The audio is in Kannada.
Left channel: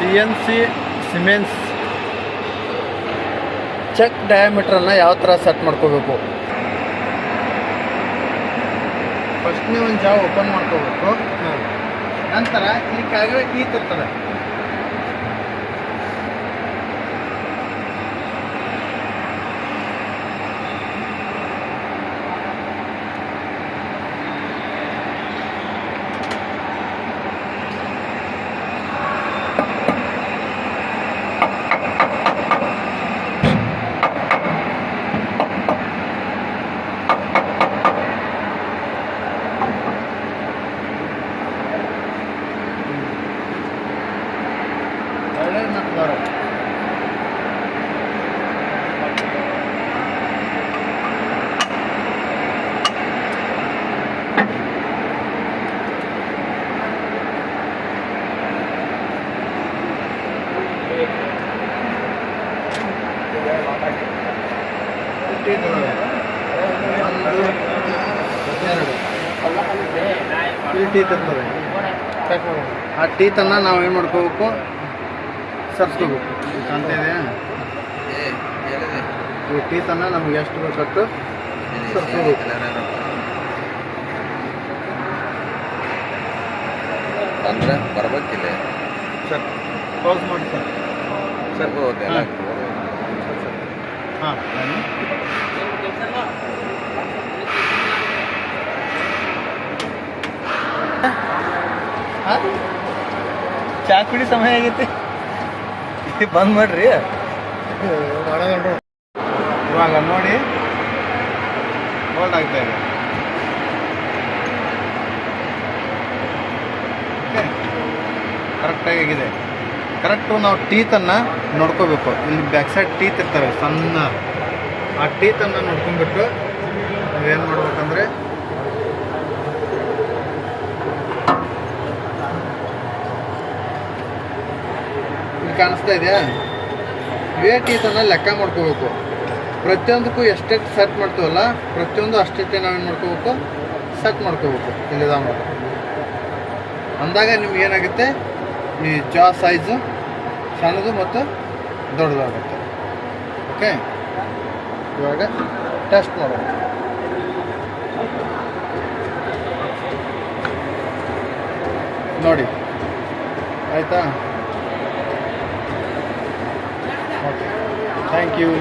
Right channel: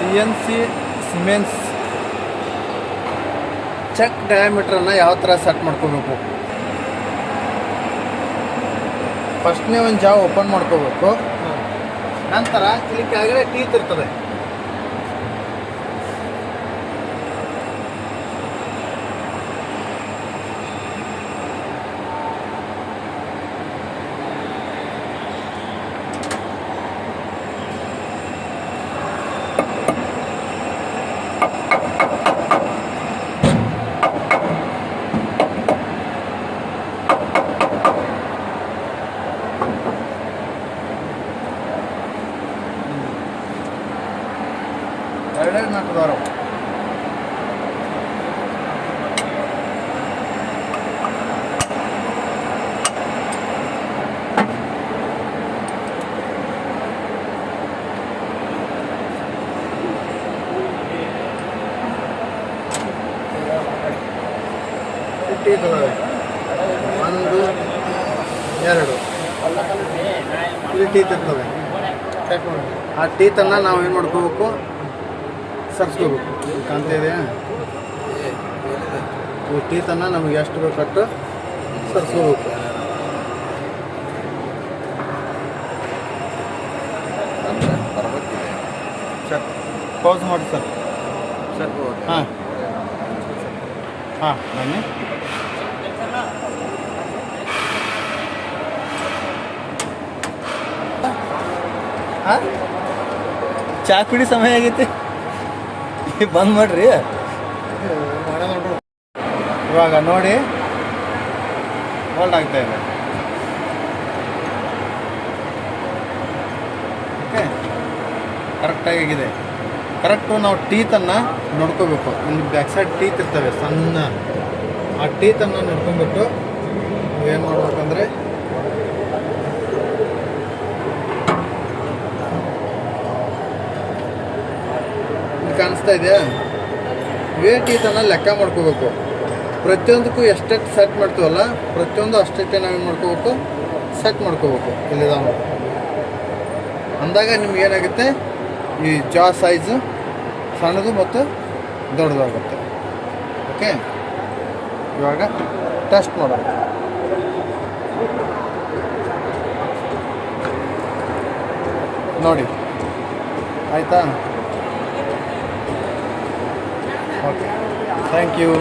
CNC ಸಿಮೆನ್ಸ್ ಚೆಕ್ ಡಯಾಮೀಟ್ರನ್ನು ಯಾವ ಥರ ಸೆಟ್ ಮಾಡ್ಕೋಬೇಕು. ಫಸ್ಟ್ ನೀವು ಒಂದು ಜಾವ್ ಓಪನ್ ಮಾಡ್ಕೋಬೇಕು. ನಂತರ ಇಲ್ಲಿ ಕೆಳಗಡೆ ಟೀತ್ ಇರ್ತದೆ. ಒಂದು ಎರಡು ಇಲ್ಲಿ ಟೀತ್ ಇರ್ತದೆ. ಆ ಟೀತನ್ನು ನಾವು ಏನು ಮಾಡ್ಕೋಬೇಕು, ಸರ್ಸ್ಕೋಬೇಕು. ಕಾಣ್ತಾ ಇದೆಯಾ? ಈ ಟೀತನ್ನು ನಮಗೆ ಎಷ್ಟು ಬೇಕಷ್ಟು ಸರ್ಸ್ಕೋಬೇಕು. ಅಂದರೆ ಬರ್ಬೇಕಿದೆ ಸರ್. ಪಾಸ್ ಮಾಡಿ ಸರ್. Sir okay. ಹಾಂ ಚಾ ಕುಡಿ ಸಮಯ ಆಗೈತಿ, ಬಂದ್ ಮಾಡ್ರಿ. ಮಾಡೋದು ಇವಾಗ ನೋಡಿ, ಹೋಲ್ಡ್ ಆಗ್ತಾ ಇದೆ. ಓಕೆ, ಕರೆಕ್ಟಾಗಿದೆ. ಕರೆಕ್ಟು ನಾವು ಟೀತನ್ನು ನೋಡ್ಕೋಬೇಕು. ಇಲ್ಲಿ ಬ್ಯಾಕ್ ಸೈಡ್ ಟೀತ್ ಇರ್ತವೆ ಸಣ್ಣ. ಆ ಟೀತನ್ನು ನೋಡ್ಕೊಂಡ್ಬಿಟ್ಟು ನಾವೇನು ಮಾಡ್ಬೇಕಂದ್ರೆ ಇಲ್ಲಿ ಕಾಣಿಸ್ತಾ ಇದೆಯಾ, ಇವೇ ಟೀತನ್ನು ಲೆಕ್ಕ ಮಾಡ್ಕೋಬೇಕು. ಪ್ರತಿಯೊಂದಕ್ಕೂ ಎಷ್ಟೆಷ್ಟು ಸೆಟ್ ಮಾಡ್ತೀವಲ್ಲ, ಪ್ರತಿಯೊಂದು ಅಷ್ಟೇ ನಾವೇನು ಮಾಡ್ಕೋಬೇಕು, ಸೆಟ್ ಮಾಡ್ಕೋಬೇಕು. ಇಲ್ಲಿದ ಅಂದಾಗ ನಿಮ್ಗೆ ಏನಾಗುತ್ತೆ, ಈ ಜಾ ಸೈಜು ಸಣ್ಣದು ಮತ್ತು ದೊಡ್ಡದಾಗುತ್ತೆ. ಓಕೆ, ಇವಾಗ ಟೆಸ್ಟ್ ಮಾಡೋಣ. ನೋಡಿ ಆಯಿತಾ? Okay, thank you.